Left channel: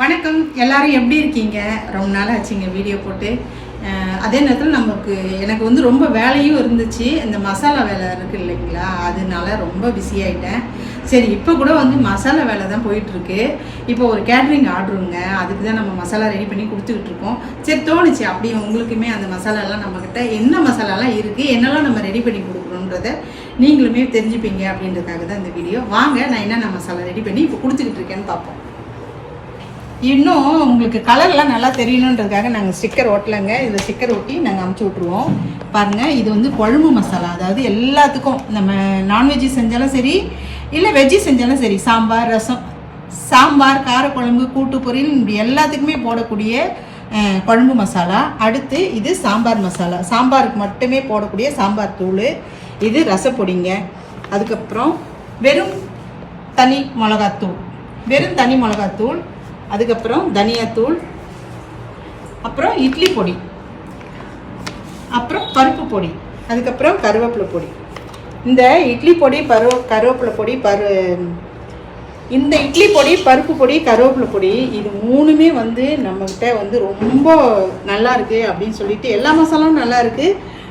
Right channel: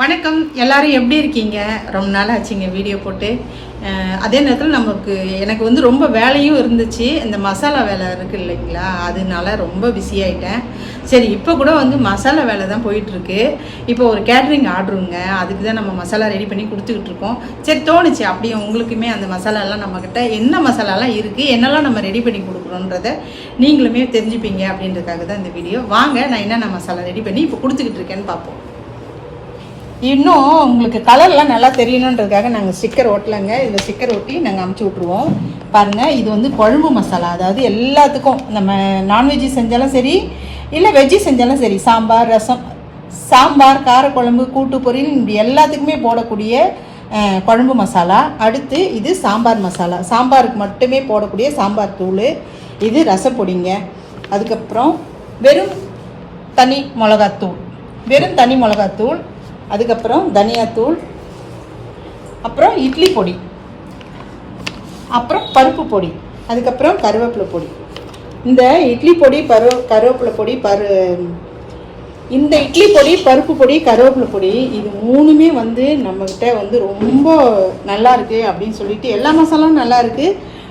வணக்கம், எல்லாரும் எப்படி இருக்கீங்க? ரொம்ப நாள் ஆச்சுங்க வீடியோ போட்டு. அதே நேரத்தில் எனக்கு வந்து ரொம்ப வேலையும் இருந்துச்சு. இந்த மசாலா வேலை இருக்குது இல்லைங்களா, அதனால ரொம்ப பிஸியாகிட்டேன். சரி, இப்போ கூட வந்து மசாலா வேலை தான் போயிட்டுருக்கு. இப்போ ஒரு கேட்ரிங் ஆர்டருங்க, அதுக்கு தான் நம்ம மசாலா ரெடி பண்ணி கொடுத்துக்கிட்டு இருக்கோம். சரி, தோணுச்சு அப்படியே உங்களுக்குமே அந்த மசாலாலாம் நம்மக்கிட்ட என்ன மசாலாலாம் இருக்குது, என்னெல்லாம் நம்ம ரெடி பண்ணி கொடுக்குறோன்றத நீங்களுமே தெரிஞ்சுப்பீங்க அப்படின்றதுக்காக தான் இந்த வீடியோ. வாங்க, நான் என்னென்ன மசாலா ரெடி பண்ணி இப்போ கொடுத்துக்கிட்டு இருக்கேன்னு பார்ப்போம். இன்னும் உங்களுக்கு கலர்லாம் நல்லா தெரியணுன்றதுக்காக நாங்கள் ஸ்டிக்கர் ஓட்டலைங்க. இதில் ஸ்டிக்கர் ஒட்டி நாங்கள் அமுச்சு விட்ருவோம். பாருங்கள், இது வந்து குழம்பு மசாலா. அதாவது எல்லாத்துக்கும் நம்ம நான்வெஜ்ஜு செஞ்சாலும் சரி, இல்லை வெஜ்ஜு செஞ்சாலும் சரி, சாம்பார், ரசம், சாம்பார், காரக்குழம்பு, கூட்டு பொரியல், இப்படி எல்லாத்துக்குமே போடக்கூடிய குழம்பு மசாலா. அடுத்து இது சாம்பார் மசாலா, சாம்பாருக்கு மட்டுமே போடக்கூடிய சாம்பார் தூள். இது ரசப்பொடிங்க. அதுக்கப்புறம் வெறும் தனி மிளகாத்தூள், அதுக்கப்புறம் தனியாத்தூள், அப்புறம் இட்லி பொடி, அப்புறம் பருப்பு பொடி, அதுக்கப்புறம் கருவேப்பிலை பொடி. இந்த இட்லி பொடி, கருவேப்பிலை பொடி, இந்த இட்லி பொடி, பருப்பு பொடி, கருவேப்பிலை பொடி, இது மூணுமே வந்து நம்மகிட்ட வந்து ரொம்ப நல்லா இருக்கு அப்படின்னு சொல்லிட்டு, எல்லா மசாலாவும் நல்லா இருக்கு.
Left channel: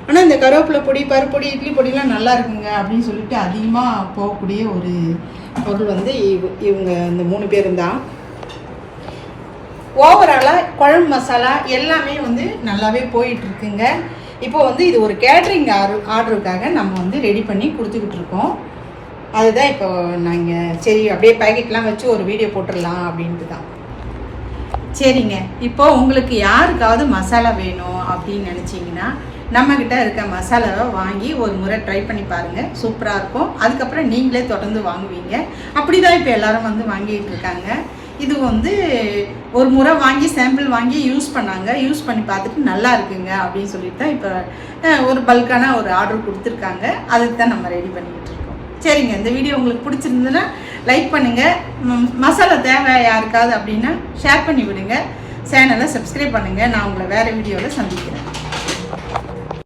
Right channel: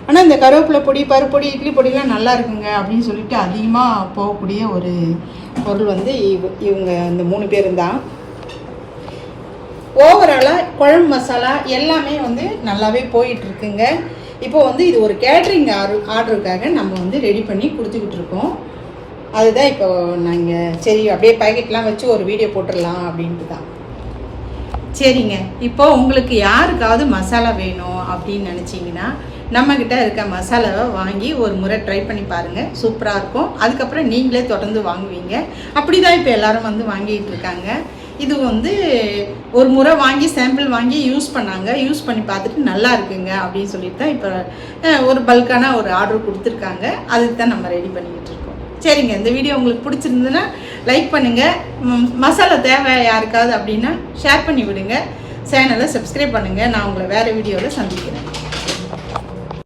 ஆனால் இந்த கருவேப்பிலை பொடி, பருப்பு பொடி, இட்லி பொடிலாம் நல்லா இருக்குங்க அப்படின்னு சொல்லிட்டு அதிகமாக போகக்கூடிய ஒரு பொருள் வந்து இவங்க இந்த 3 பேரும் தான். ஓவராலாக குழம்பு மசாலா எல்லாமே வந்து நல்லாவே போயிட்டு இருக்குங்க. இப்போ வந்து இது ஒரு கேட்ரிங் ஆர்டருக்காக நம்ம வந்து ரெடி பண்ணி கொடுத்துக்கிட்டு இருக்கோம். அதுதான் இப்போ நாங்கள் சரி அப்படியே பேக்கெட்லாம் வச்சு ஒரு வீடியோ போட்டுடலாம் அப்படின்ட்டு தான். சரிங்க, இப்போ உங்களுக்கு யாருக்காவது மசாலா வேணும் அப்படின்னு நினச்சிங்கன்னா நம்மக்கிட்ட இருக்க மசாலாவை வாங்கி ஒரு முறை ட்ரை பண்ணி பாருங்கள், சூப்பராக இருக்கும். அதுக்கப்புறம் நீங்களே தொடர்ந்து வாங்குவீங்க. அப்படி தான் இப்போ எல்லாரும் வந்து வாங்கிட்டு இருக்காங்க. இது வந்து ஒரு முறை வாங்கி சாம்பிள் வாங்கி யூஸ் பண்ணி பார்த்துட்டு நல்லா இருக்குங்க அப்படின்னு சொல்லிட்டு தான் இப்போ ஒரு பல்கான ஒரு ஆர்டர் கொடுத்துருக்காங்க. அதுக்கு தான் நம்ம ரெடி பண்ணிக்கிட்டு இருக்கோம். சரிங்க, இந்த வீடியோ உங்களுக்கு பிடிச்சிருந்ததுன்னா லைக் பண்ணுங்கள். மசாலா தேவை யாருக்காவது அப்படின்னா ஷேர் பண்ணி விடுங்க. சேனலை சப்ஸ்கிரைப் பண்ணுங்கள். நான் உங்களை வேறு வீடியோவில் சந்திக்கிறேன்.